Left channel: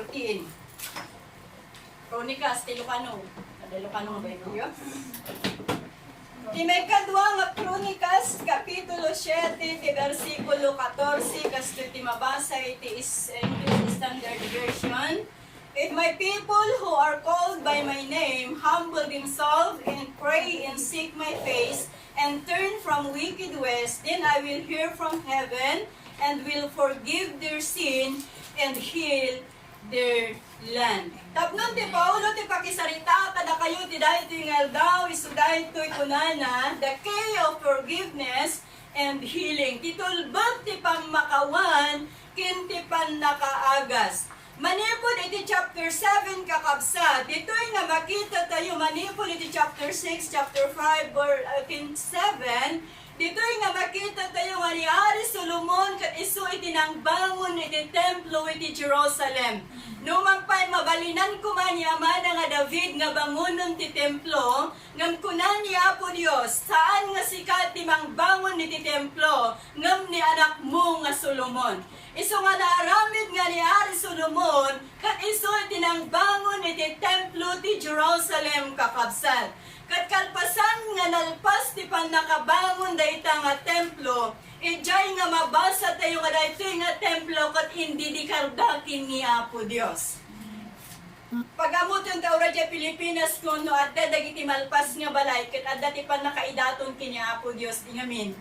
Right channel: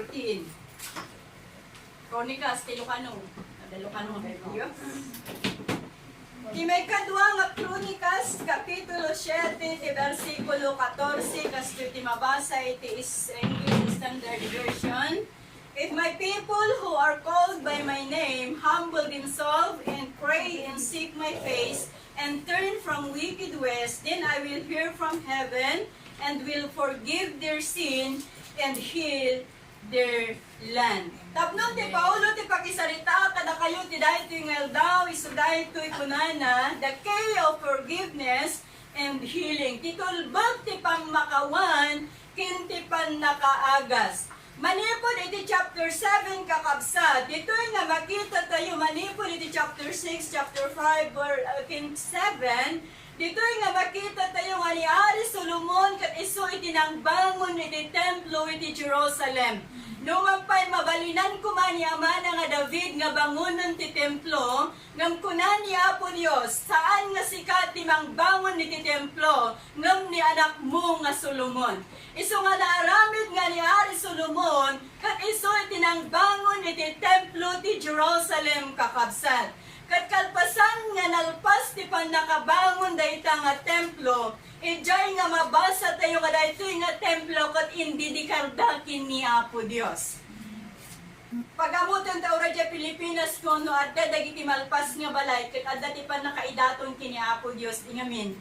14. Chronicles, ti Lucano. Ada Lucano nga Bible yun? Ti may kadwa nga Chronicles, Kapitulo 7, ti versikulo 14, kasto ti mabasa iti English Standard Version. If my people who are called by my name humble themselves and pray and seek my face and turn from wicked ways, then I will hear from heaven and will forgive their sin and heal their land. Tapnon ti Paulo ti pakisarita kada kayo ti dahil tingal daw isuday to'y kunana the key of forgiveness and healing. Titulbag ti pamakawan kinti pan nakaagas. Manipod iti chapter 7 kakabsat. Dito'y nga makita tayo manipod iti chapter 6, chapter 5, or 7. Dito'y nga makita tayo nga ni Ari Solomon kat iso iti nang bangon iti templo iti Jerusalem. Numagpay mabalinan kuman ni ama nga David nga bangonon ti templo, ngam kunan ni Apo Dios, saan nga sikat ti mangbangon iti templo, ngam ni anak mo nga Solomon. Iso nga naaramid nga ni Ari Solomon, kat iso iti nang bangon iti templo ti Jerusalem kakabsat. Kat kalpasan nga nalpas ti pan nakabangon dayta nga templo, ijay nga mabasa tayo nga dayto nga templo kat hindi di kardakin ni Apo Dios. Pagamuton ta ora ja Pilipinas kuno adda dagiti malpas nga balay ket adda ti pan nakaidaton kini Apo Dios ingamin.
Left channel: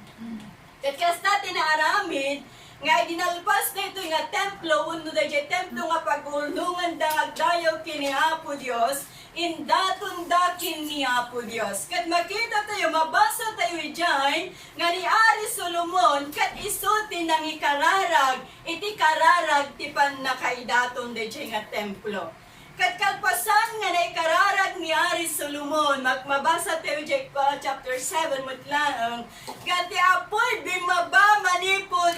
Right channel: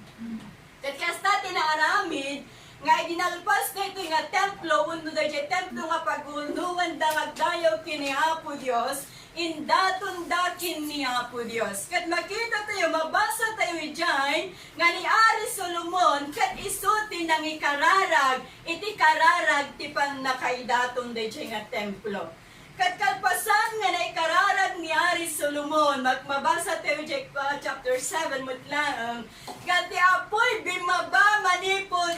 Ket kasta tinaaramid nga dinalpas dayto nga templo uno dayjay templo nga pagulungan da nga dayaw kini Apo Dios. Indaton dakin ni Apo Dios. Kat makita tayo, mabasa tayo ijay, nga ni Ari Solomon, kat isuti nang ikararag, iti kararag ti pan nakaidaton dayjay nga templo. Kat kalpasan nga na ikararag ni Ari Solomon, mabasa tayo ijay chapter 7 mutlaang, kat ti apoy bimaba manipod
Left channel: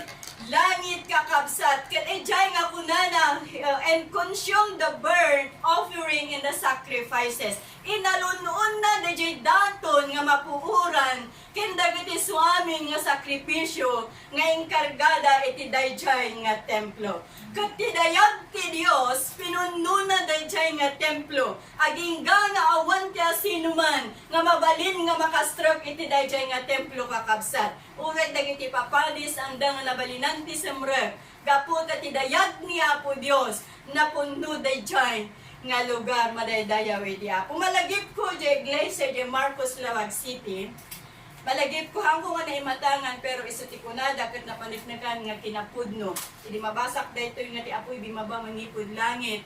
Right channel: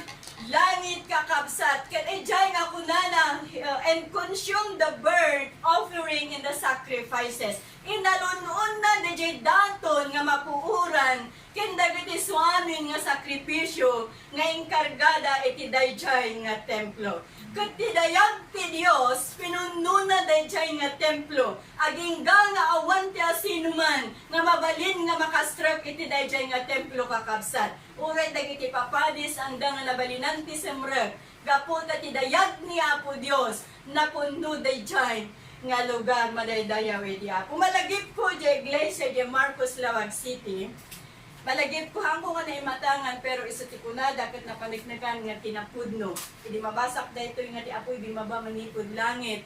langit kakabsat, kat ijay nga kunana and consume the burnt offering and the sacrifices. Inalunon na dayjay daton nga mapuuran ken dagiti suamin nga sakripisyo nga inkargada iti dayjay nga templo. Ket ti dayag ti Dios pinunno na dayjay nga templo. Agingga nga awan ti asinuman nga mabalin nga makastrap iti dayjay nga templo kakabsat. Uray dagiti papadis anda nga nabalinan ti semre. Gapu ta ti dayag ni Apo Dios napunno dayjay nga lugar madaydayaw iti Apo. Malagip ko di iglesia di Marcos Lawag City. Malagip ko hangko nga naimatangan pero iso ti kunada ket napaniknagan nga kinapudno. Idi mabasak dayto nga ti apoy bimaba mangipud langit.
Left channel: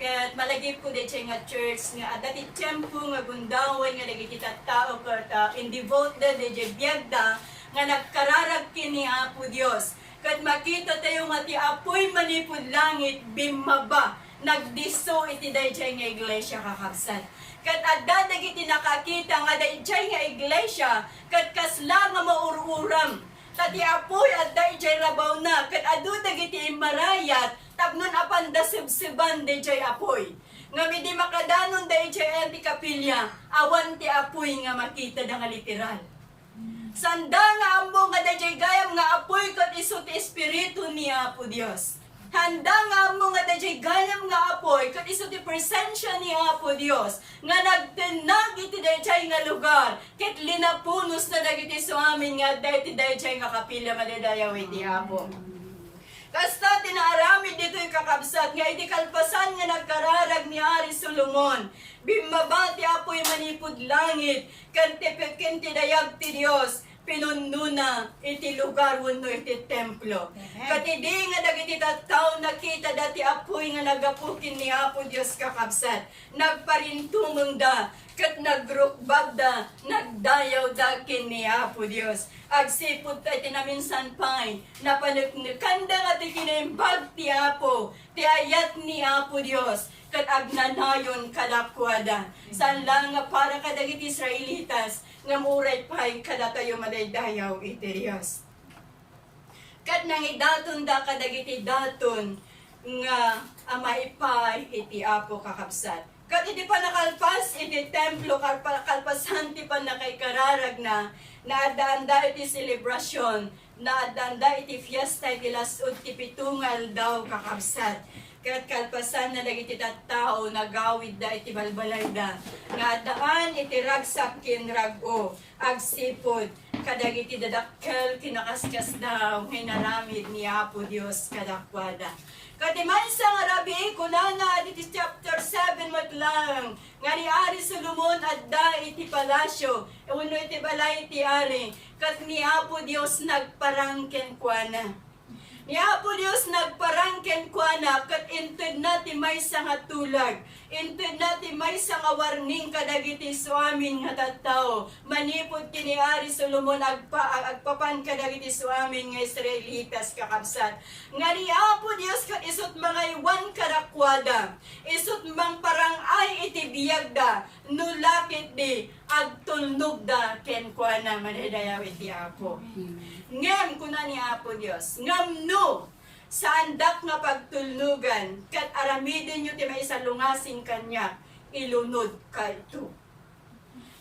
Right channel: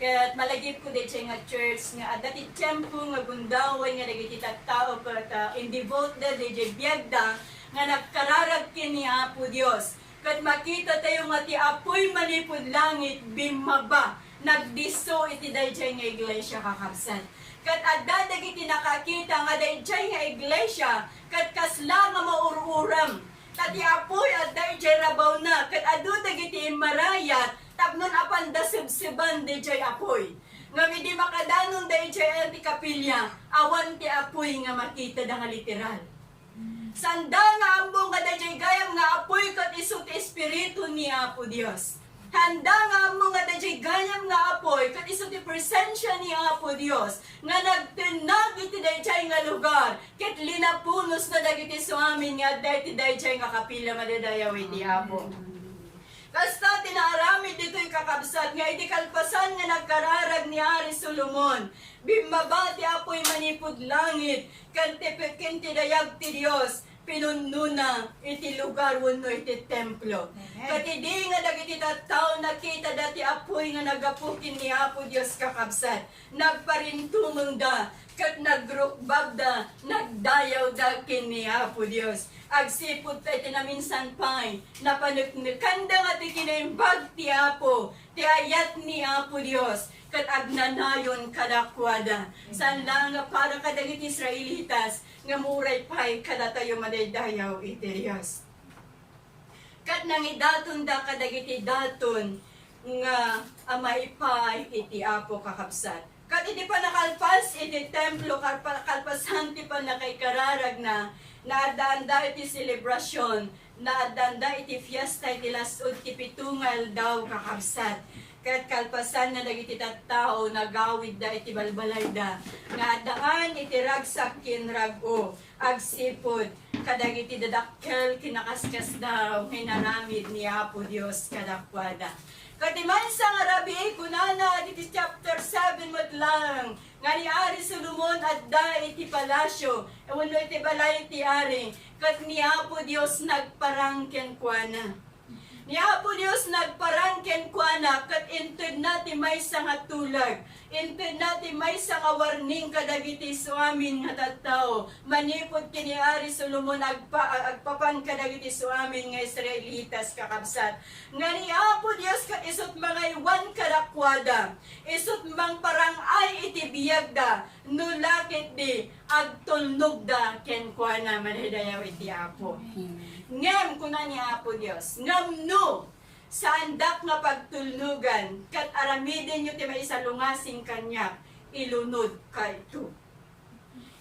Ket malagip ko dayjay nga church nga adda ti tiempo nga gundaway nga dagiti tattao ket in devote dayjay biagda nga nagkararag kini Apo Dios. Ket makita tayo nga ti apoy manipud langit bimaba. Nagdiso iti dayjay nga iglesia kakabsat. Kat adda dagiti nakakita nga dayjay nga iglesia kat kasla nga maururam. Kat apoy adda dayjay rabaw na kat adu dagiti marayat tapnon apan da sibsiban dayjay apoy. Ngam idi makadanon dayjay anti kapilya awan ti apoy nga makita da nga literal. Sanda nga ambo nga dayjay gayam nga apoy kat isu ti espiritu ni Apo Dios. Handa nga mo nga dayjay gayam nga apoy kat isu ti presensya ni Apo Dios nga nagtenag iti dayjay nga lugar ket linapunos na dagiti suamin nga dayjay nga kapila madadayaw iti Apo. Kasta tinaaramid dito'y kakabsat nga iti kalpasan nga nagkararag ni Ari Solomon. Bimaba ti apoy manipud langit kenti dayag ti Dios. Pinunno na iti lugar wenno iti templo. Kat idi nga dagiti tattao nakita dati apoy nga nagapukin ni Apo Dios kakabsat. Nagparintumeng da kat nagrukbab da nagdayaw da ken ni Apo Dios. Agsipod tayo tinaminsan pa'y napanuknukan da nga ti kinaimbag ti Apo ti ayat ni Apo Dios kat agnanayon kadakwada. San lang nga para kadagiti Israelitas nga muray pa'y kada tayo madaydayaw iti Dios. Kat nangidaton da kadagiti daton nga amaipay iti Apo kakabsat. Kat iti pa nakalpas iti templo kalpasan ti pa nakaikararag na naadanda iti selebrasyon, naadanda iti fiesta iti lasod ti pitungal daw kakabsat. ket kalpasan na dagiti tattao nagawid da iti balbalay da nga daan iti ragsak ken rag-o agsipod kadagiti dadakkel kinakaskas daw hinaramid ni Apo Dios kadakwada. Katiman sa nga rabi kunana iti chapter 7 matlang nga ni Ari Solomon adda iti palasyo wenno iti balay iti ari kat ni Apo Dios nagparangken kuana. Ni Apo Dios nagparangken kuana kat inted nati may nga tulag. Inted nati may nga warning kadagiti suamin nga tattao. Manipod kini Ari Solomon agpapan kadagiti suamin nga Israelitas kakabsat. Nga ni Apo Dios kat isut mga iwan kadakwada. Isut mang parang ay iti biyagda. Nulakit di agtulnog da ken kuana manadayaw iti Apo. Ngam kuna ni Apo Dios. Ngam no sa andak nga pagtulnugan kat aramidin nyo ti maisalungasing kanya ilunod ka ito.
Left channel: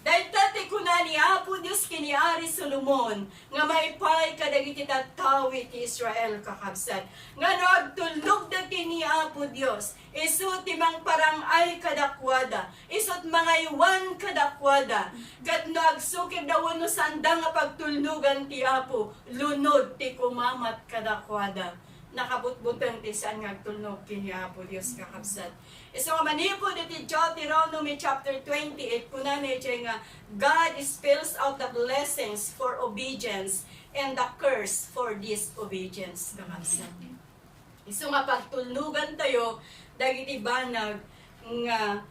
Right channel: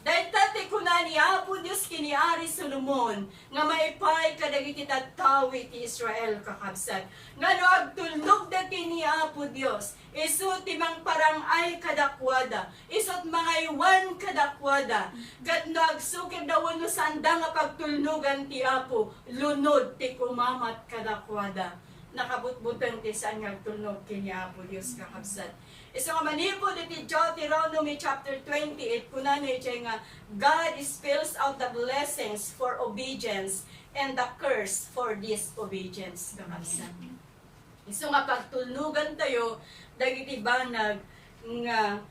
Dahil tati kuna ni Apo Dios kini Ari Solomon nga maipay kadagiti tattao iti Israel kakabsat. Nga no agtulnog da kini Apo Dios isut ti mang parang ay kadakwada isut mga iwan kadakwada kat no agsukid daw no sanda nga pagtulnugan ti Apo lunod ti kumamat kadakwada nakabutbutan ti saan nga agtulnog kini Apo Dios kakabsat. So manipod iti Deuteronomy chapter 28 kuna na iti nga God spells out the blessings for obedience and the curse for disobedience kakabsat. So nga pagtulnugan tayo dagiti banag nga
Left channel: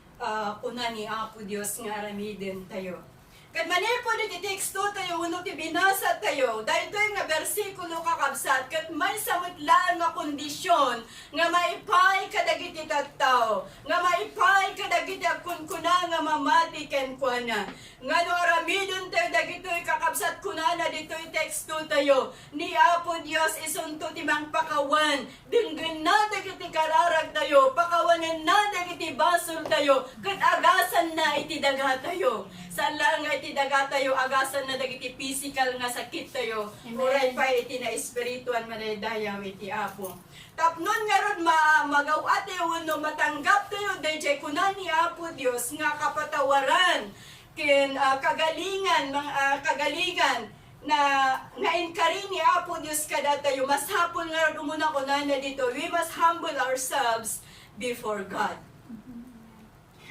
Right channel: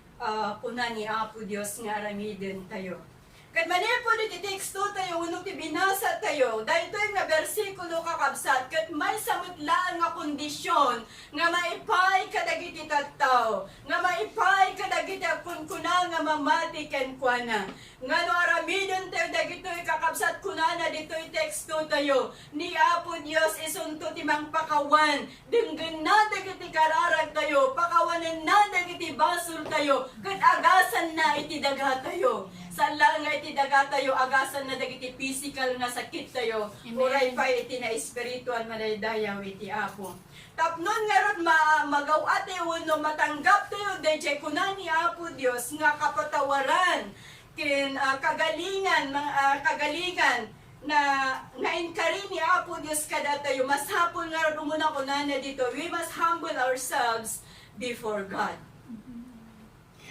kuna ni Apo Dios nga aramiden tayo. Kat manipod iti teksto tayo uno ti binasa tayo dahil ito yung nga bersikulo kakabsat kat may samutlaan nga kondisyon nga maipay kadagiti tattao nga maipay kadagiti kunkuna nga mamati ken kuana nga no aramidon tayo dagitoy kakabsat kunana ditoy teksto tayo ni Apo Dios isunto ti mang pakawan dinggen na dagiti kararag tayo pakawanan na dagiti basol tayo kat agasan na iti daga tayo san lang nga iti daga tayo agasan na dagiti physical nga sakit tayo uray pa iti na espiritual madaydayaw iti Apo. Tapnon nga ron magawa tayo no matanggap tayo dayjay kunan ni Apo Dios nga kapatawaran ken kagalingan kagalingan na inkari ni Apo Dios kada tayo mas hapon nga ron umuna kunan na dito we must humble ourselves before God.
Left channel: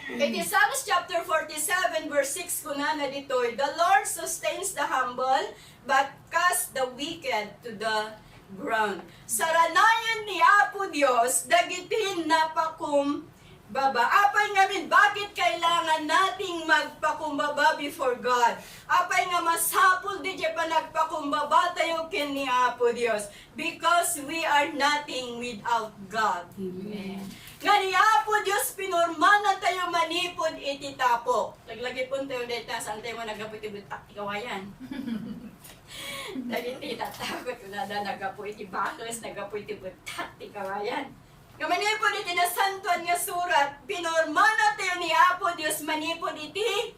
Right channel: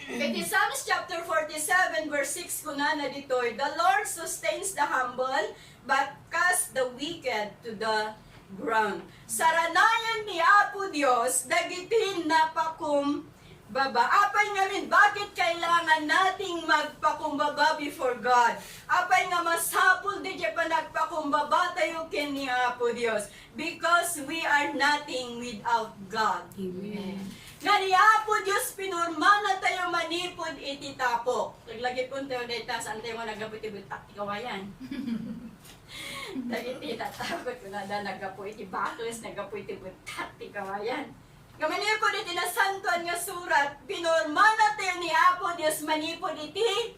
Iti Psalms chapter 47 verse 6 kuna na ditoy, the Lord sustains the humble, but casts the wicked to the ground. Saranayan ni Apo Dios, dagitin napakumbaba. Apay ngamin, bakit kailangan nating magpakumbaba before God? Apay nga masapul di pa nagpakumbaba tayo kin ni Apo Dios, because we are nothing without God. Amen. Nga ni Apo Dios pinorma na tayo manipod iti tapok. Laglagi po tayo dahil saan tayo nagapu iti butak ti kawayan. Dahil iti tatakot ko na nagapu iti bakles, nagapu iti butak ti kawayan. Nga manipod iti na santuan nga surat, pinorma na tayo ni Apo Dios manipod iti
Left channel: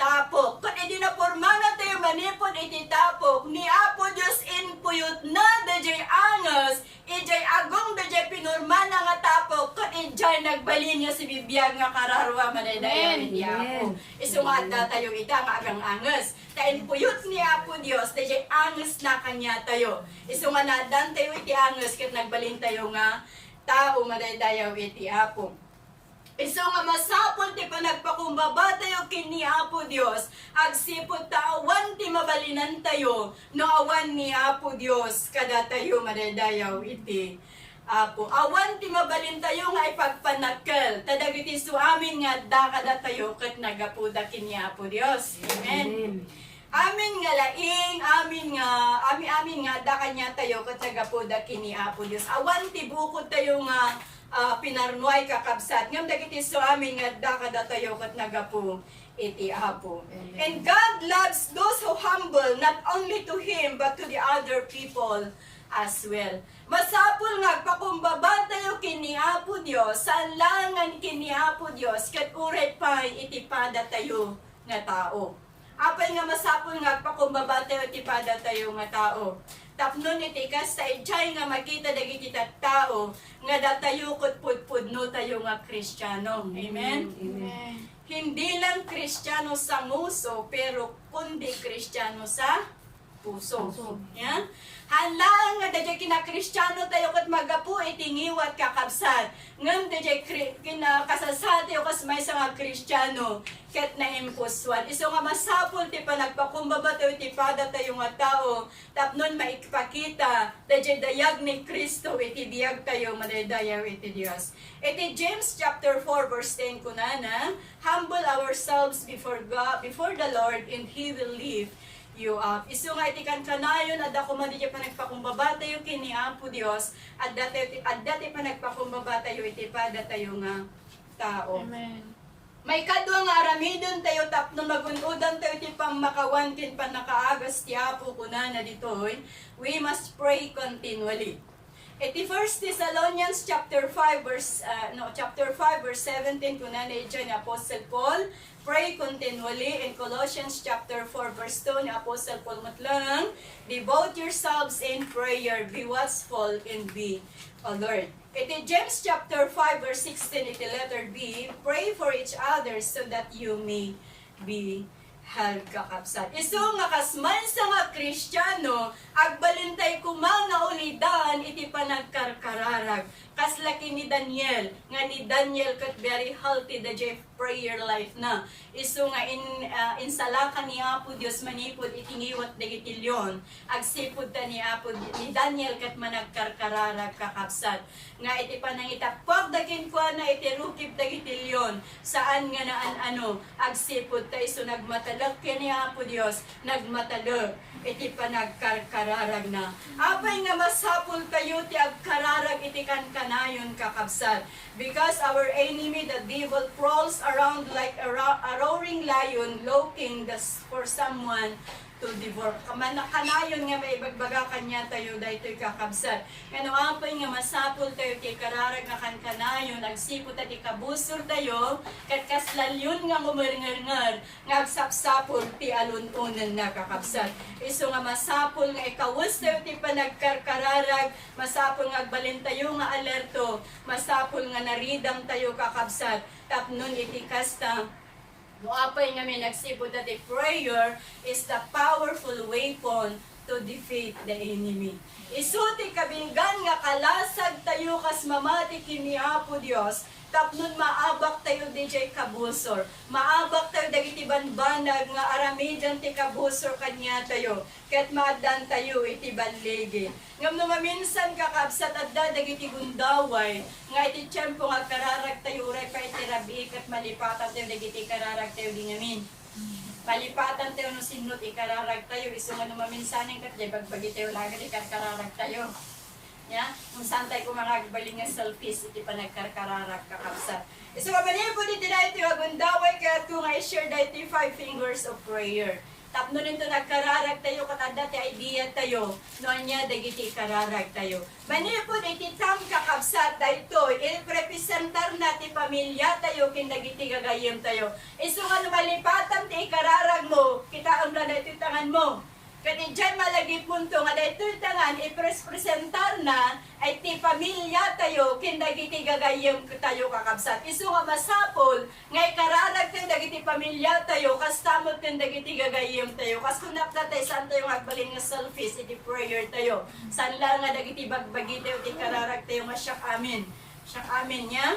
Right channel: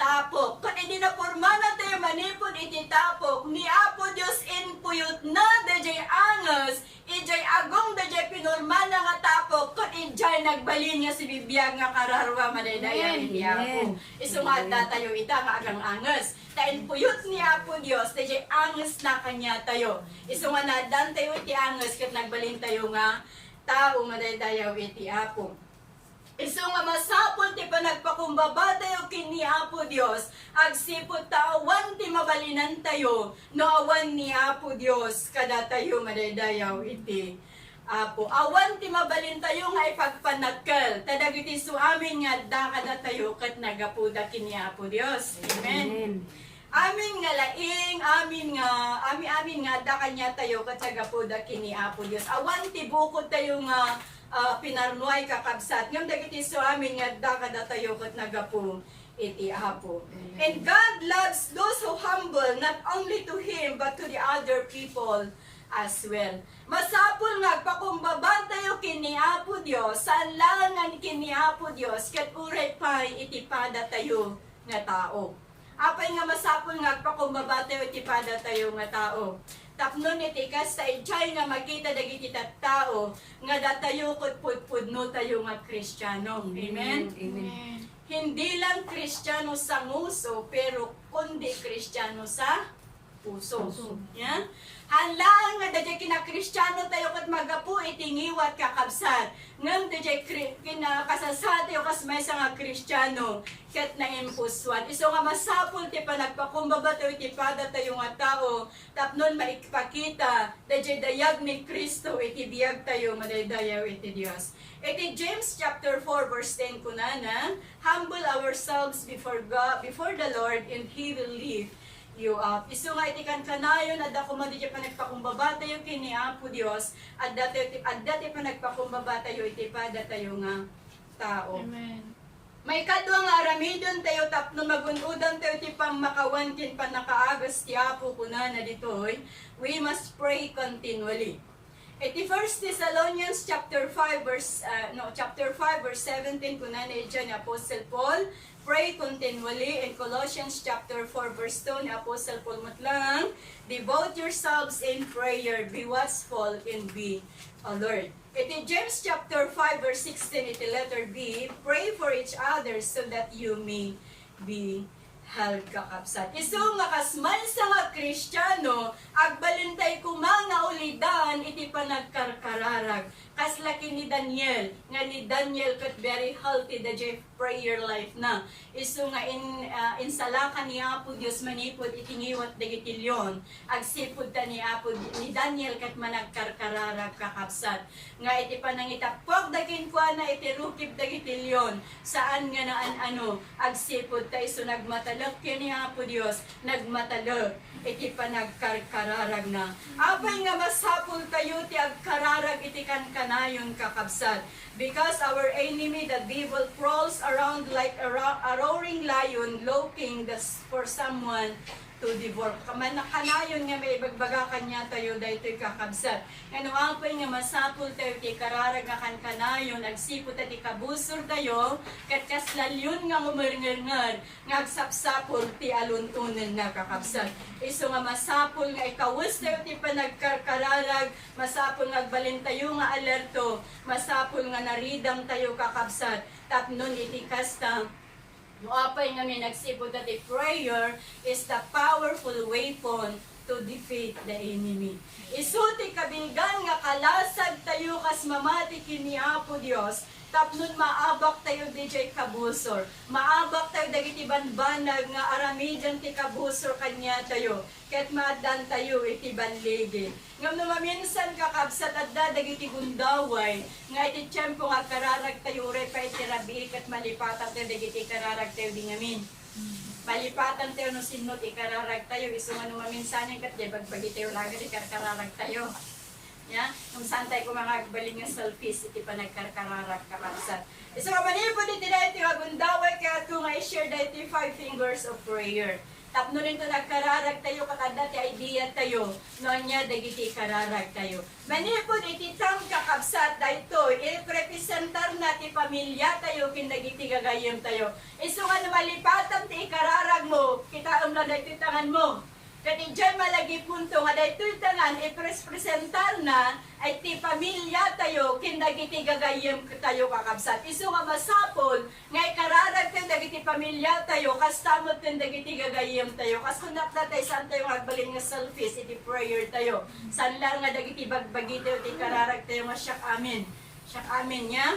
tapok. Kung iti na porma na tayo manipod iti tapok, ni Apo Dios inpuyot na dajay angas, ijay agong dajay pinorma na nga tapok, kung ijay nagbalin nga si bibiyag nga kararwa madaydayan ni Apo. Isungat na tayo ita nga agang angas. Kain puyot ni Apo Dios, dajay angas na kanya tayo. Isungat na dan tayo iti angas, kat nagbalin tayo nga tao madaydayaw iti Apo. Iso nga masapon ti panagpakumbaba tayo kini Apo Dios, agsipot ta awan ti mabalinan tayo, no awan ni Apo Dios kada tayo madaydayaw iti Apo. Awan ti mabalin tayo nga ipagpanakkel, tadagiti suamin nga da kada tayo ket nagapuda kini Apo Dios. Amen. Amin nga laing, amin nga da kanya tayo ket nagapuda kini Apo Dios. Awan ti bukod tayo nga pinarnuay kakabsat ngam dagiti so amin nga dakada tayo ket nagapu iti Apo. And God loves those who humble not only to Him but to the other people as well. Masapul nga pakumbaba tayo kini Apo Dios, sanlangan kini Apo Dios ket uray pay iti pada tayo nga tao. Apay nga masapol nga agpakumbaba tayo iti pada tayo nga tao. Tapno iti kas sa ijay nga makita dagiti tao nga datayo ket pudpudno tayo nga Kristiyano. Amen. Amen. Hindi lang Kristiyano sa nguso, pero kundi Kristiyano sa puso. Yeah? Hanlaan nga dadya kina-Kristiyano tayo kat magapu itingiwat kakabsat. Ngam dadya kinakasasat tayo kas may nga Kristiyano ket na impuswan. Iso nga masapol ti pa nagpakumbaba tayo ti pada tayo nga tao tapnon maikpakita dadya dayag ni Kristo iti biyag tayo madaydayaw iti Dios. Iti James chapter 4 verse 10 kunana, humble ourselves before God, before the Lord, and He will lift you up. Isu nga iti kankanayon at ako man di pa nagpakumbaba tayo kini Apo Dios at dati pa nagpakumbaba tayo iti pada tayo nga tao. Amen. May kadwa nga aramidon tayo tapno magunudan tayo ti pamakawan kin panakaagas ti Apo kunana ditoy. We must pray continually. Iti 1 Thessalonians chapter 5 verse 17 kunana diyan ni Apostle Paul, pray continually. In Colossians chapter 4 verse 2 ni Apostle Paul matlang, devote yourselves in prayer, be watchful and be alert. Iti James chapter 5 verse 16 iti letter B, pray for each other so that you may be held kakabsat. Isu nga kasman sa nga Kristiyano, agbalintay kumanga ulidan iti panagkarkararag. Kaslaki ni Daniel, nga ni Daniel kat very healthy the prayer life na. Isu nga in salaka ni Apo Dios manipod itingiwat dagitilyon. Agsipod ta ni Apo ni Daniel kat managkarkararag kakabsat. Nga iti panangitapok dagin kwa na iti rukib dagitilyon. Saan nga naan agsipod ta isu nagmatalak ni Apo Dios, nagmatalak iti panagkarkararag na. Apay nga masapul kayo ti agkararag iti kankanayon kakabsat. Because our enemy, the devil, prowls around like a roaring lion, looking for someone to devour. Kanayon nga may ibagbaga kanya tayo daytoy kakabsat. Ngano apay nga masapul tayo ti kararag nga kankanayon, agsipot at ikabusor tayo, kat kaslalyon nga ngumarngar nga agsapsapol ti alununan na kakabsat. Iso nga masapul nga ikawus tayo ti panagkarkararag, masapul nga agbalin tayo nga alerto, masapul nga naridam tayo kakabsat, tapnon iti kasta. Muapay nga may nagsipod that the prayer is the powerful weapon to defeat the enemy. Isuti kabinggan nga kalasag tayo kas mamati kini Apo Dios, tapnon maabak tayo DJ kabusor. Maabak tayo dagiti banbanag nga aramidan ti kabusor kanya tayo. Ket maadan tayo iti banligi. Ngam no maminsan kakabsat adda dagiti gundaway nga iti tiyempo nga kararag tayo re pa iti rabi ket malipatan tayo dagiti kararag tayo di ngamin. Malipatan tayo no sinot ikararag tayo isu nga no maminsanin ket bagbagi tayo lagi di kararag tayo. Ya, kung saan tayo kumangagbaling nga selfies iti panagkarkararag kakabsat. Isu nga manipod iti na iti gundaway ket kung i-share da iti 5 fingers of prayer. Tapno rin ito nagkararag tayo, katanda ti idea tayo, noon niya dagiti kararag tayo. Manipod iti tam kakabsat dayto, i-representar na ti pamilya tayo, kindagiti gagayem tayo. Isu nga malipatan ti kararag mo, kita ang na iti tangan mo. Kati dyan malagi punto nga dahito tangan i-presentar na ay ti pamilya tayo kindagiti gagayem tayo kakabsat. Isu nga masapol ngay kararag kindagiti pamilya tayo kastamot kindagiti gagayem tayo. Kas kunak na tayo saan tayo agbalin nga selfies iti prayer tayo. Saan lang nga dagiti bagbagi tayo iti kararag tayo nga syak amin. Syak amin niya.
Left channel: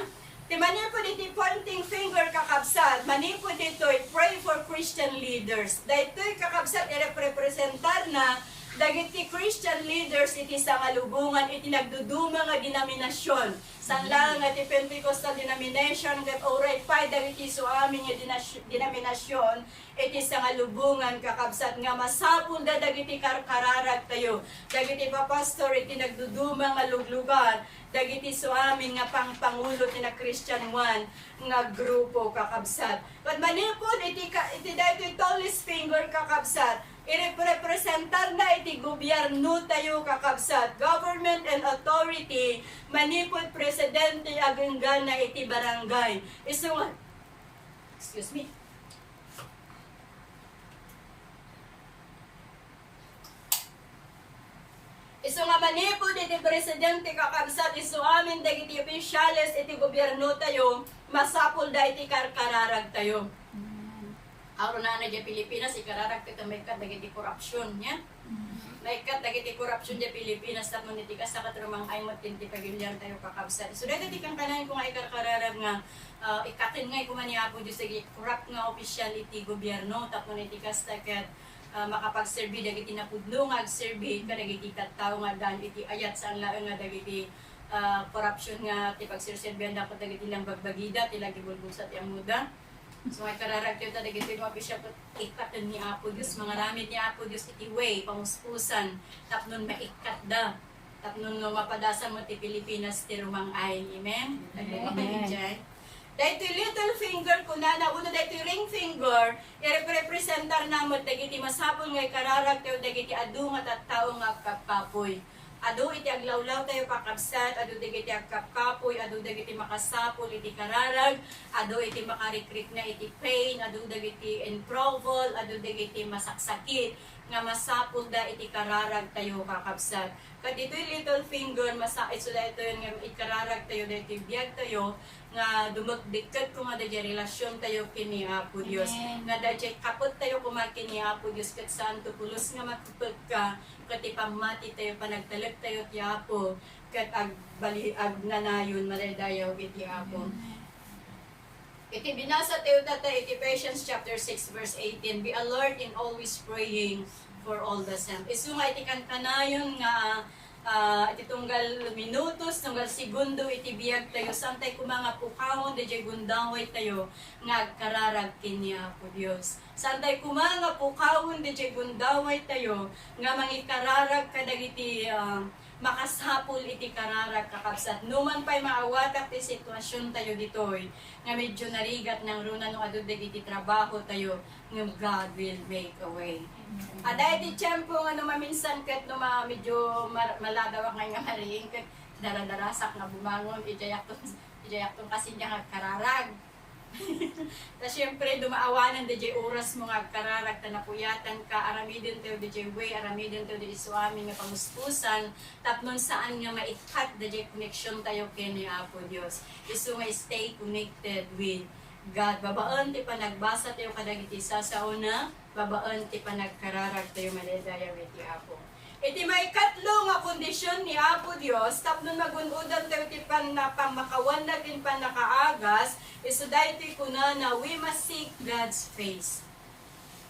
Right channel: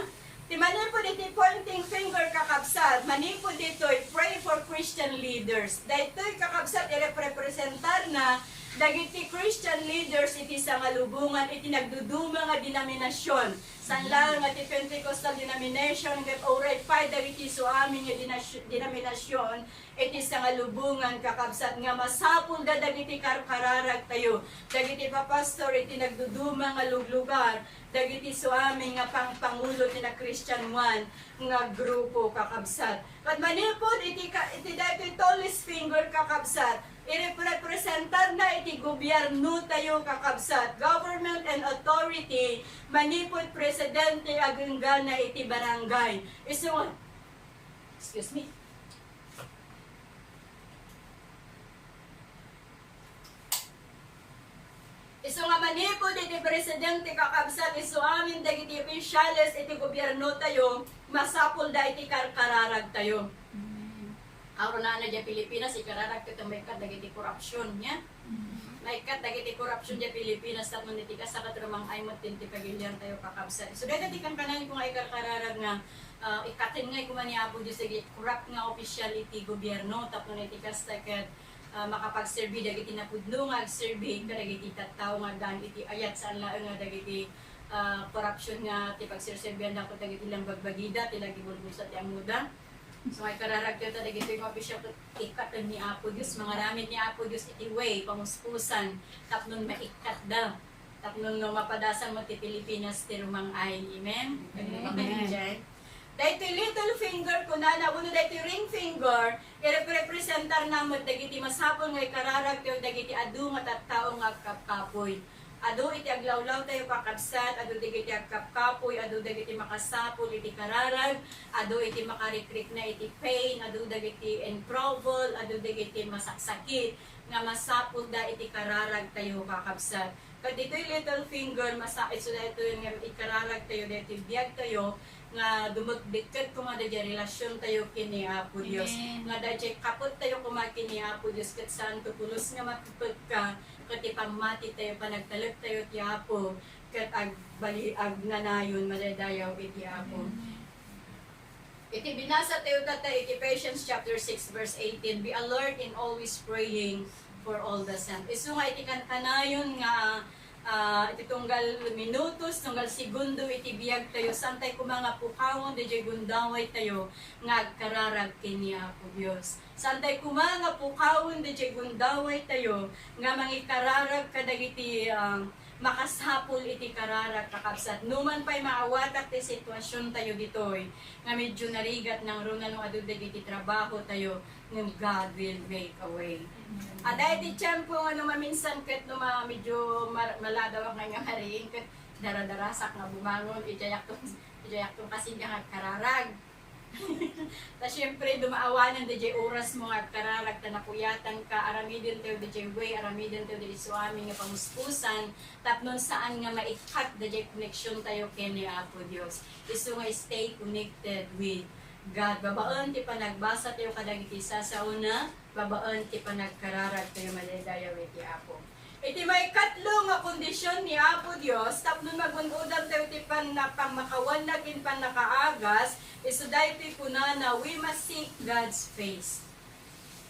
Ti manipod iti pointing finger kakabsat, manipod ito pray for Christian leaders. Daytoy kakabsat i-representar na dagiti Christian leaders iti sa ngalubungan iti nagduduma nga denominasyon. San lang nga ti Pentecostal denomination ket oray pay dagiti so amin nga denominasyon iti sa ngalubungan kakabsat nga masapul da dagiti kararag tayo. Dagiti papastor iti nagduduma nga luglugan dagiti so amin nga pangulo ti na Christian one nga grupo kakabsat. Kat manipod iti daytoy tallest finger kakabsat, i-representar na iti gobyerno tayo kakabsat, government and authority, manipod presidente agenggan na iti barangay. Excuse me. Isu nga manipod iti presidente kakabsat isu amin dagiti opisyales iti gobyerno tayo masapul da iti karkararag tayo. Aron na di Pilipinas ikararag tayo may kat dagiti korupsyon niya. May kat dagiti korupsyon di Pilipinas at mun iti kasakat rumang ay matinti pagilyan tayo kakabsat. Isu dagiti kang kanayon kung ay karkararag nga ikatin nga kuman niya po Diyos iti corrupt nga opisyal iti gobyerno tapno iti kastaket makapag-serve dagiti napudno nga ag-serve kadagiti tattao nga dan iti ayat sa laeng nga dagiti corruption nga ti pagserserbihan dapat dagiti lang bagbagida ti lagi bulbulsat ti amuda. So ay kararagyo ta dagiti nga opisyal ikaten ni Apo Dios mga ramid ni Apo Dios iti way pamuspusan tapnon maikat da tapnon no mapadasan mo ti Pilipinas ti rumang ay. Amen. Amen. Dahil little finger ko na uno dahil ring finger, i-representar naman dagiti masapol nga ikararag tayo dagiti adu nga tattao nga kapapoy. Adu iti aglawlaw tayo kakabsat, adu dagiti agkapapoy, adu dagiti makasapol iti kararag, adu iti makarikrik na iti pain, adu dagiti improval, adu dagiti masaksakit nga masapol da iti kararag tayo kakabsat. Kad ito'y little finger, so ito yung ikararag tayo dagiti biyag tayo, nga dumagdikkat ko nga dadya relasyon tayo kini Apo Dios. Nga dadya kapot tayo kumakini Apo Dios kat saan tupulos nga makupag ka kat ipamati tayo panagtalag tayo ti Apo kat agnanayon madadayaw iti Apo. Iti binasa tayo tata iti Ephesians chapter 6 verse 18, be alert in always praying for all the saints. Isu nga iti kanayon nga iti tunggal minutos, tunggal segundo iti biyag tayo santay kumanga pukawon DJ gundaway tayo nga kararag kini Apo Dios. Santay kumanga pukawon DJ gundaway tayo nga mangikararag kadagiti makasapul iti kararag kakabsat. Numan pa'y maawatak ti sitwasyon tayo ditoy nga medyo narigat ng runa nung adu dagiti trabaho tayo ng God will make a way. Aday ti tiyempo nga maminsan ket no medyo malagaw ang nga hariing ket daradarasak nga bumangon ijayak tong kasi nga kararag. Ta syempre dumaawanan DJ oras mo nga kararag ta napuyatan ka aramiden tayo DJ way aramiden tayo DJ suami nga pamuspusan tapnon saan nga maikat DJ connection tayo kini Apo Dios. Isu nga stay connected with God. Babaan ti panagbasa tayo kadagiti sa una, babaan ti panagkararag tayo madadayaw iti Apo. Iti may katlo nga kondisyon ni Apo Dios tapno magunudam tayo ti pangmakawan naging panakaagas isu dayti kuna na we must seek God's face.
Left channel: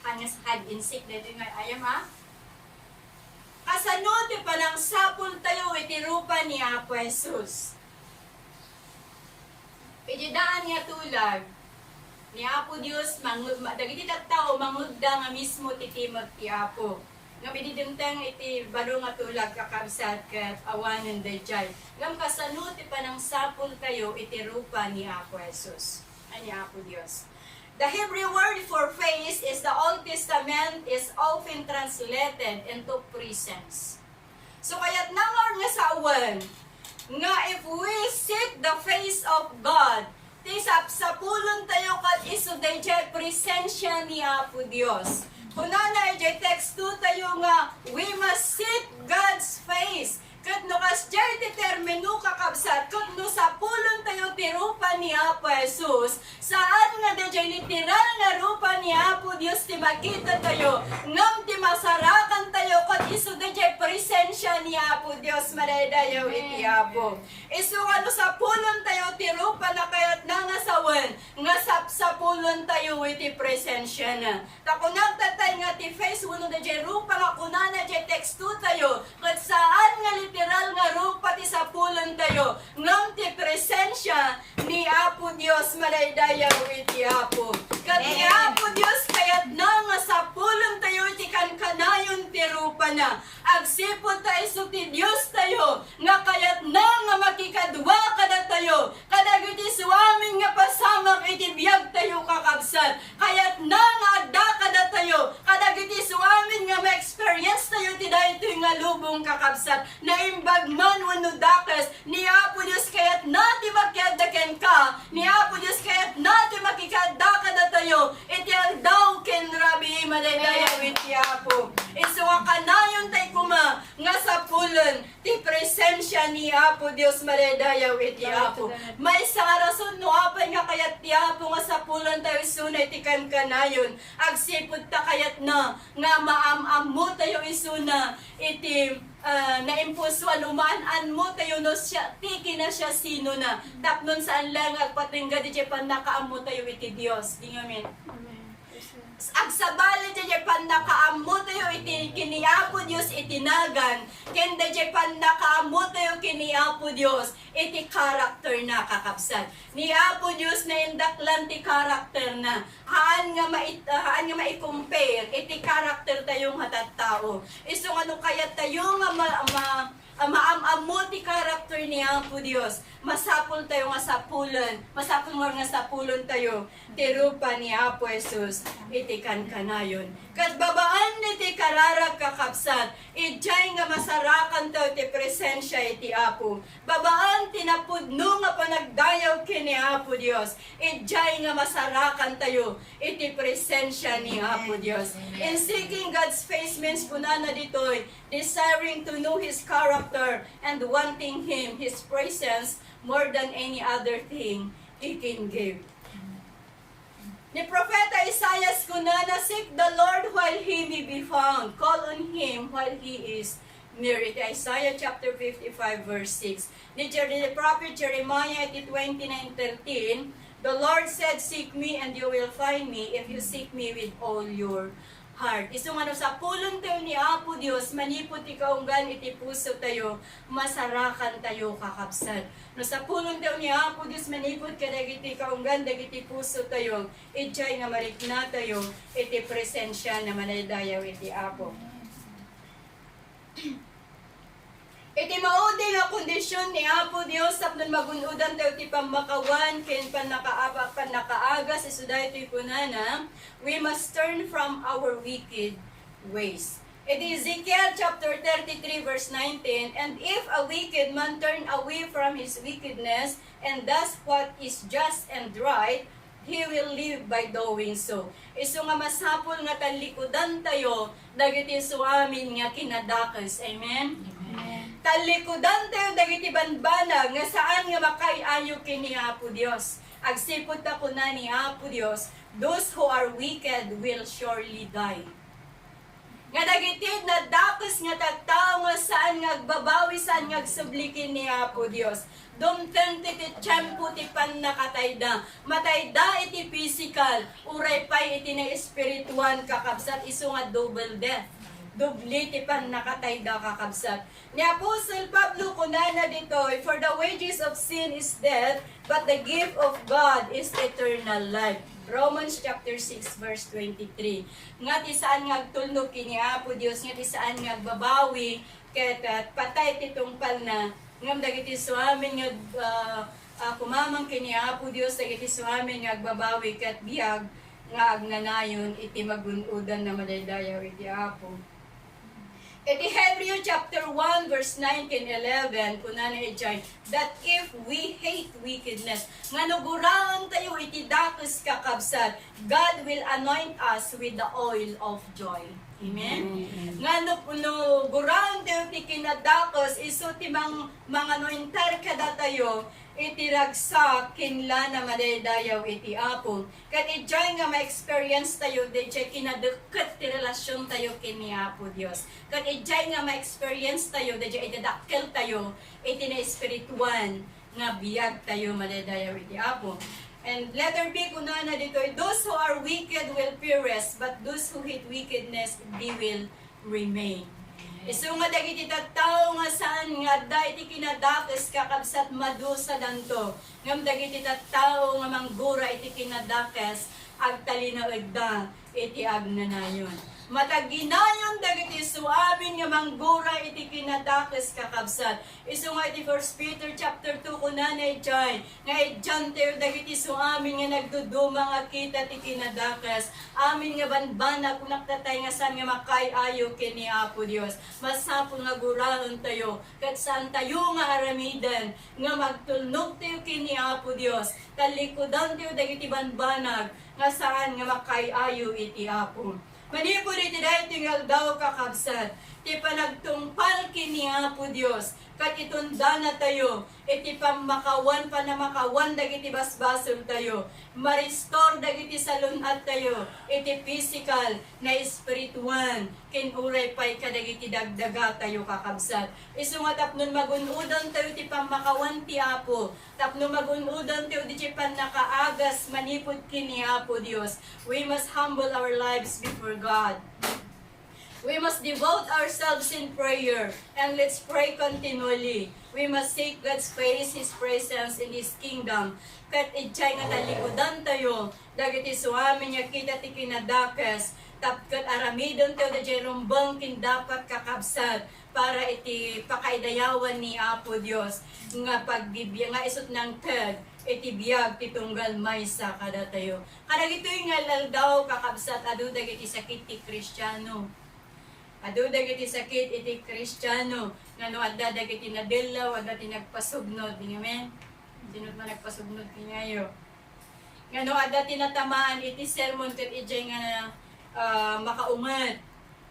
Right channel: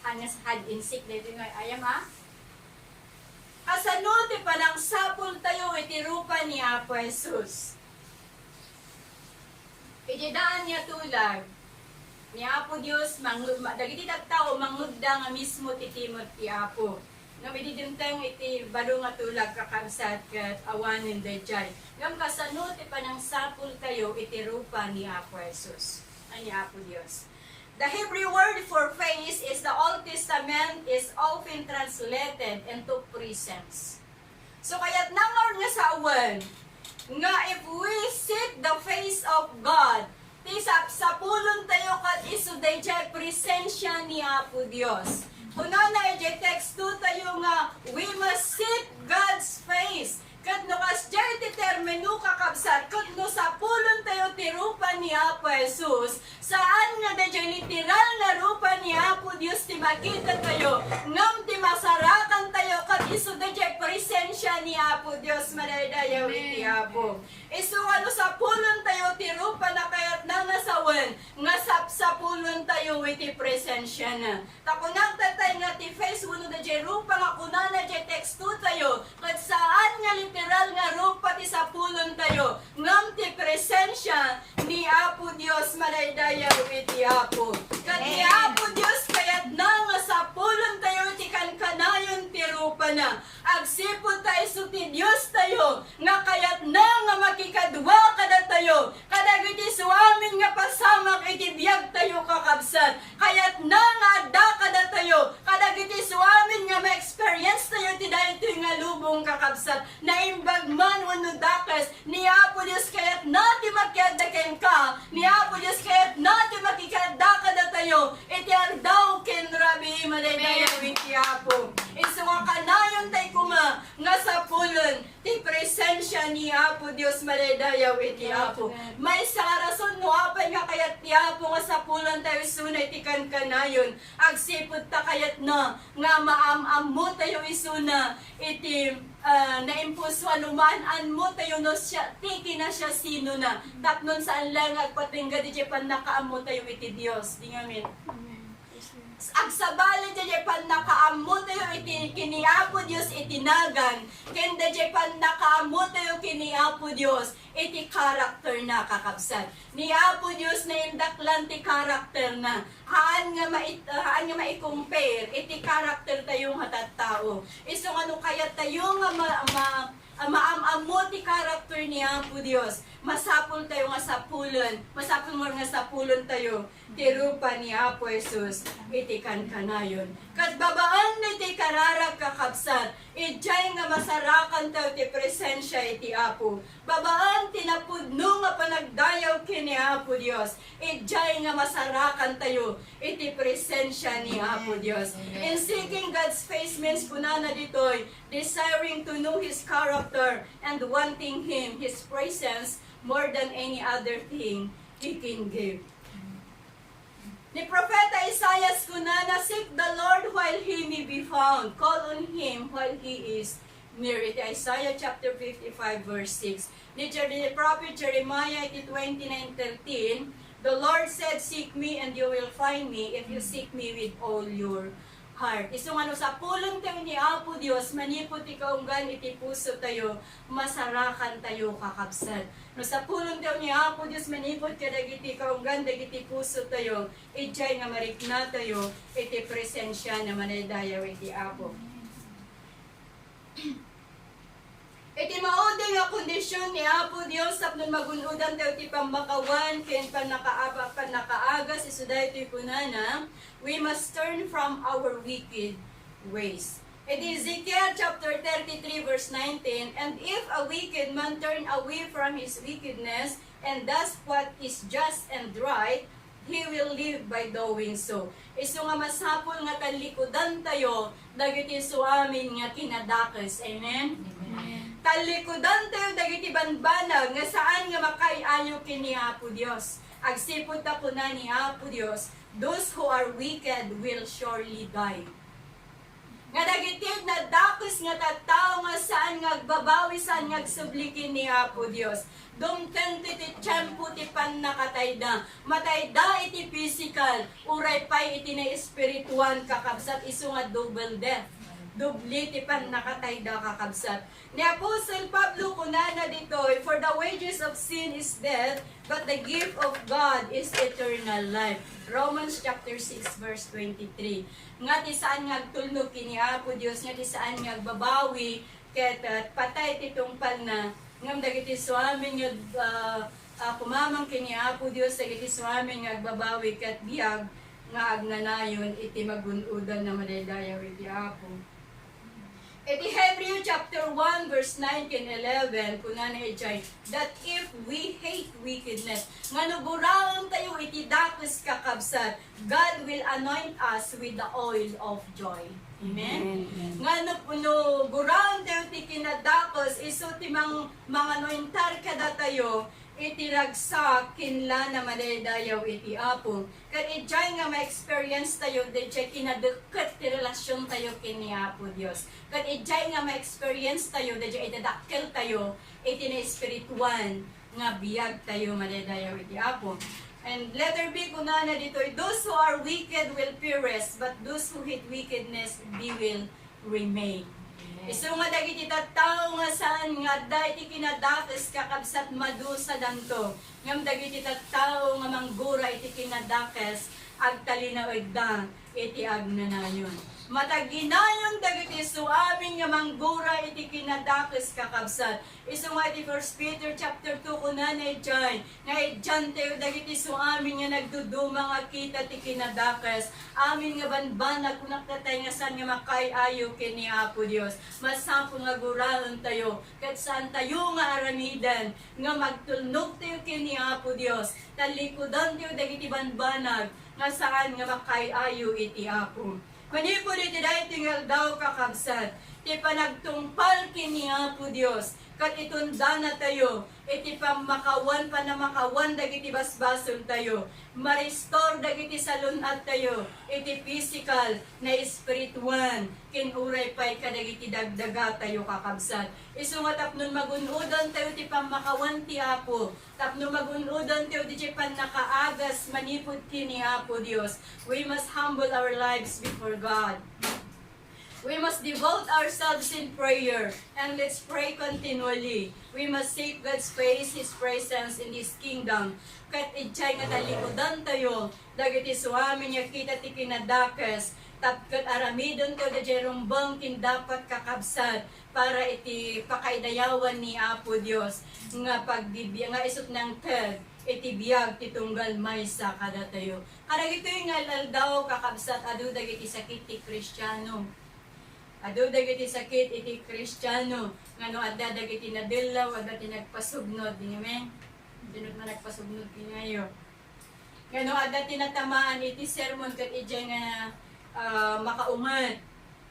Hangas had in seek dayti nga ayam ha. Kasano ti palang sapol tayo iti rupa ni Apo Jesus. Iti daan nga tulag ni Apo Dios dagiti tattao mangugda nga mismo ti timot ti Apo. Nga bididinteng iti balo nga tulag kakabsat kat awanin dayjay. Ngam kasano ti panang sapul kayo iti rupa ni Apo Jesus. Ani Apo Dios. The Hebrew word for face is the Old Testament is often translated into presence. So kaya't nangar nga sa awan nga if we seek the face of God, tisap sa pulon tayo kat isu dayjay presensya ni Apo Dios. Kunana ijay text 2 tayo nga, we must seek God's face. Kat no kasjay ti termino kakabsat, kat no sa pulon tayo ti rupa ni Apo Jesus, saan nga dayjay literal nga rupa ni Apo Dios ti makita tayo, ngam ti masarakan tayo, kat isu dayjay presensya ni Apo Dios madadayaw iti Apo. Isu ano sa pulon tayo ti rupa na kayat na nga sawan, nga sa pulon tayo iti presensya na. Takunang tatay nga ti face, wano dayjay rupa nga kunana dayjay text 2 tayo, kat saan nga literal nga rupa ti sa pulon tayo, ngam ti presensya ni Apo Dios madaydayaw iti Apo. Kat ni Apo Dios kayat na nga sa pulon tayo iti kankanayon ti rupa na. Agsipod tayo so ti Dios tayo, nga kayat na nga makikadwa kada tayo, kadagiti suamin nga pasamak iti biyag tayo kakabsat, kayat na nga adda kada tayo, kadagiti suamin nga ma-experience tayo ti dayto nga lubong kakabsat, na imbag man wano dakes, ni Apo Dios kayat nati makiadaken ka, ni Apo Dios kayat nati makikadda kada tayo, iti aldaw ken rabi madaydayaw iti Apo. Isuwa kanayon tayo kuma, nga sa pulon ti presensya ni Apo Dios madaydayaw iti Apo. May sa rason no apay nga kayat ti Apo nga sa pulon tayo isuna iti kankanayon. Agsipod ta kayat na nga maamam mo tayo isuna iti naimpulsuan umaan mo tayo no siya tiki na siya sino na tapnon saan lang agpatingga di Japan nakaamo tayo iti Dios. Di ngamin. Agsabali di Japan nakaamo tayo iti kiniapo Dios itinagan. Kenda Japan nakaamo tayo kiniapo Dios iti karakter na kakabsat. Ni Apo Dios na indaklan ti karakter na. Haan nga mai-compare iti karakter tayong hatattao. Iso ano kaya tayo nga maamamo ti karakter ni Apo Dios. Masapul tayo nga sapulon. Masapul nga sapulon tayo. Ti rupa ni Apo Jesus iti kankanayon. Kat babaan iti kararag kakabsat. Ijay nga masarakan tayo ti presensya iti Apo. Babaan tinapudno nga panagdayaw kini Apo Dios. Ijay nga masarakan tayo iti presensya ni Apo Dios. In seeking God's face means kunana ditoy, desiring to know His character and wanting Him, His presence, more than any other thing He can give. Ni Propeta Isaiah kunana, seek the Lord while He may be found. Call on Him while He is near. Iti Isaiah chapter 55 verse 6. Ni Prophet Jeremiah iti 29:13, the Lord said, seek me and you will find me if you seek me with all your heart. Isong ano sa pulong tayo ni Apo Dios, manipot ikaunggan iti puso tayo, masarakan tayo kakabsat. No sa pulong tayo ni Apo Dios, manipot kadagiti ikaunggan, dagiti puso tayo, ijay nga marikna tayo, iti presensya na manaydayaw iti Apo. Iti maudi nga kondisyon ni Apo Dios sapnon magunudan tayo ti pamakawan ken panakaagas isuday ti kunana, we must turn from our wicked ways. Iti Ezekiel chapter 33 verse 19, and if a wicked man turn away from his wickedness and does what is just and right, he will live by doing so. Isu nga masapol nga talikudan tayo dagiti suamin nga kinadakes. Amen. Talikudan tayo dagiti banbanag nga saan nga makayayo kini Apo Dios. Agsipod ta kuna ni Apo Dios, those who are wicked will surely die. Nga dagiti nadakos nga tattao nga saan nga agbabawi saan nga agsublikin ni Apo Dios. Dumten ti tiyempo ti pannakatayda. Matayda iti physical, uray pay iti na espirituan kakabsat isu nga double death. Dubli ti pannakatayda kakabsat. Ni Apostle Pablo kunana ditoy, for the wages of sin is death, but the gift of God is eternal life. Romans chapter 6 verse 23. Nga ti saan nga agtulnog kini Apo Dios, nga ti saan nga agbabawi ket patay ti tungpal na ngam dagiti suamin nga kumamang kini Apo Dios dagiti suamin nga agbabawi ket biag nga agnanayon iti magunudan na madaydayaw iti Apo. Iti Hebrew chapter 1 verse 9 ken 11 kunana ijay, that if we hate wickedness, manugurang tayo iti dakes kakabsat, God will anoint us with the oil of joy. Amen. Ngano puno gurang tayo ti kinadakes isu ti mga anointar kada tayo iti ragsak kinla na madaydayaw iti Apo. Kat ijay nga ma-experience tayo, ijay kinadeket ti relasyon tayo kini Apo Dios. Kat ijay nga ma-experience tayo, ijay idadakkel tayo, iti na espirituan nga biyag tayo madaydayaw iti Apo. And letter B kunana dito, those who are wicked will perish, but those who hate wickedness, they will remain. Isu nga dagiti tattao nga saan nga da iti kinadakes kakabsat madusa danto. Ngam dagiti tattao nga manggura iti kinadakes agtalinaw da iti agnanayon. Mataginayon dagiti suabin nga manggura iti kinadakes kakabsat. Isu nga iti 1 Peter chapter 2 kunana ijay nga idyan tayo dagiti suamin nga nagduduma nga kita ti kinadakes. Amin nga banbanag kunaktatay nga saan nga makayayo kini Apo Dios. Masapul nga guraon tayo ket saan tayo nga aramidan nga magtulnog tayo kini Apo Dios. Talikudan tayo dagiti banbanag nga saan nga makayayo iti Apo. Manipod iti dahi tingal daw kakabsat. ti panagtungpal kini Apo Dios kat itunda na tayo iti pamakawan panamakawan dagiti basbasol tayo ma-restore dagiti salunat tayo iti physical na spirituan kinuray pay kadagiti dagdaga tayo kakabsat isu nga tapnon magunudan tayo ti pamakawan ti Apo tapno magunudan tayo di pan nakaagas manipod kini Apo Dios. We must humble our lives before God. We must devote ourselves in prayer and let's pray continually. We must seek God's face, His presence in this kingdom. Kat itchay nga talikodan tayo, dagiti suamin niya kita ti kinadakas, tapkat aramidon tayo da jerumbang kindapat kakabsat, para iti pakaidayawan ni Apo Dios, nga pagbibiyang nga isot ng tag, iti biyag titunggal maysa kada tayo. Kada ito yung aldaw kakabsat, adu dagiti sakit ti Kristiyano. Adu dagiti sakit iti Kristiyano ngano adda dagiti nadilaw adda tinagpasugnod amen dinut man nagpasugnod pingayo ngano adda tinatamaan iti sermon ket ijay nga makaungat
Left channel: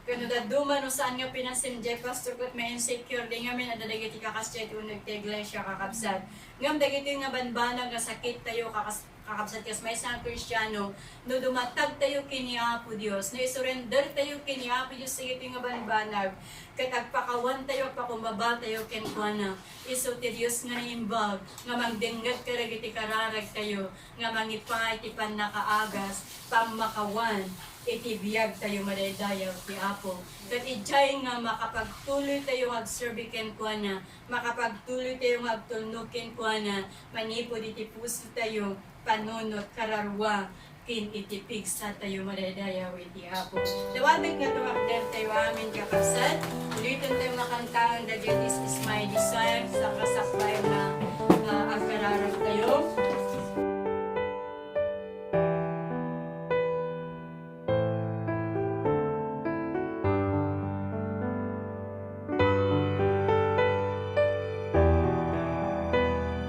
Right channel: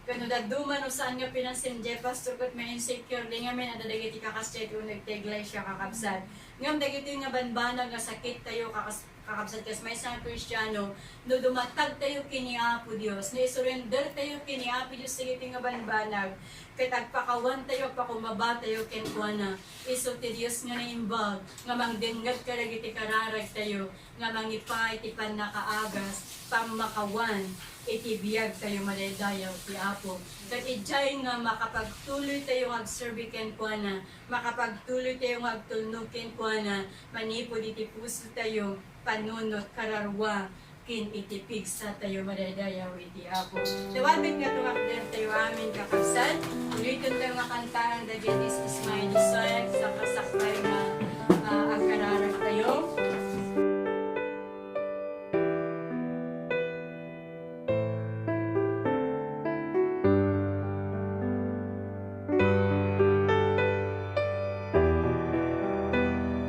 kano daduma no saan nga pinansenje pastor ket may insecure di ngamen adda dagiti kakastet uneg ti iglesia kakabsat ngam dagiti nga banbanag nga sakit tayo kakabsat kas may isang Kristiyano no dumatag tayo kini Apo Dios no isurrender tayo kini Apo Dios sa iti nga banbanag kay tagpakawan tayo pakumaba tayo kenkwana isu ti Dios nga naimbag nga mangdengget kadagiti kararag tayo nga mangipay ti pannakaagas pamakawan iti biyag tayo madaydayaw ti Apo ket ijay nga makapagtuloy tayo agserbi kenkwana makapagtuloy tayo agtulnog kenkwana manipod iti puso tayo panunot kararwa kin itipig sa tayo madadayaw iti Apo. Dawabig nga tumakder tayo amin kakabsat. Ulitin tayo makantahan that this is my desire sa kasaklay nga agkararag tayo.